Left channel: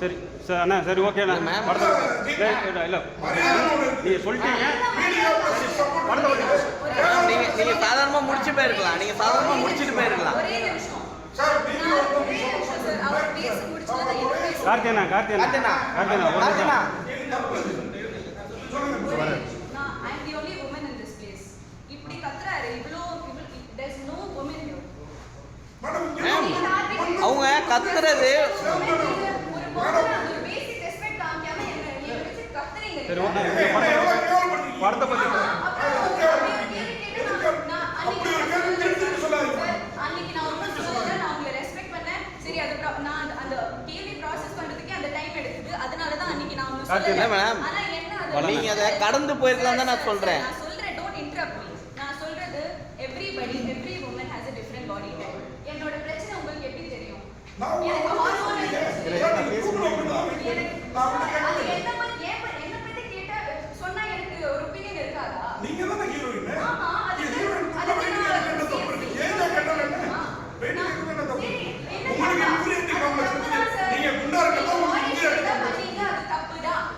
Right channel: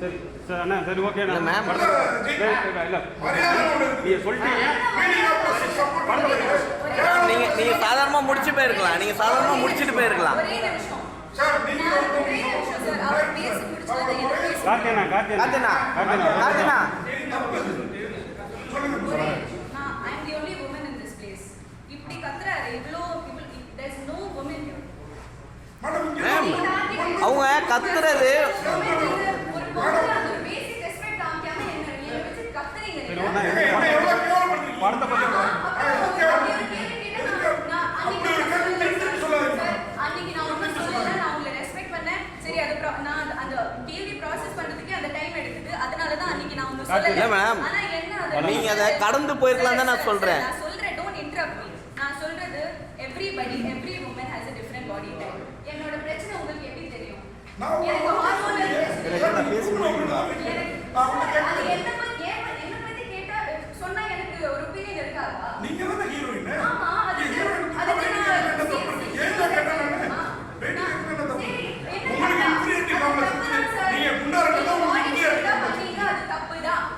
சரி சார் அண்ணா சரி ஓகே இல்லை மேம் இல்லை நீங்கள் சொல்லிட்டீங்க நீங்கள் சாதாரணமாக முடிச்சு போயிருக்கலாம். நீங்கள் சாதாரணமாக முடிச்சுட்டு போயிருக்கலாம். கார்த்தினா கார்த்தினா கார்த்தினா அவங்க கத்துறது நீங்க அதை கடந்து போயிருக்கலாம் தான் நான் சொல்றேன். நான் சொல்றது everybody every woman has a different body type. என்னோட பிரச்சனை உங்களுக்கு எப்படி தெரியும்? எனக்கு ஹார்மோனல் பிரச்சனை. நான் பேச முடியுமா? அது என்ன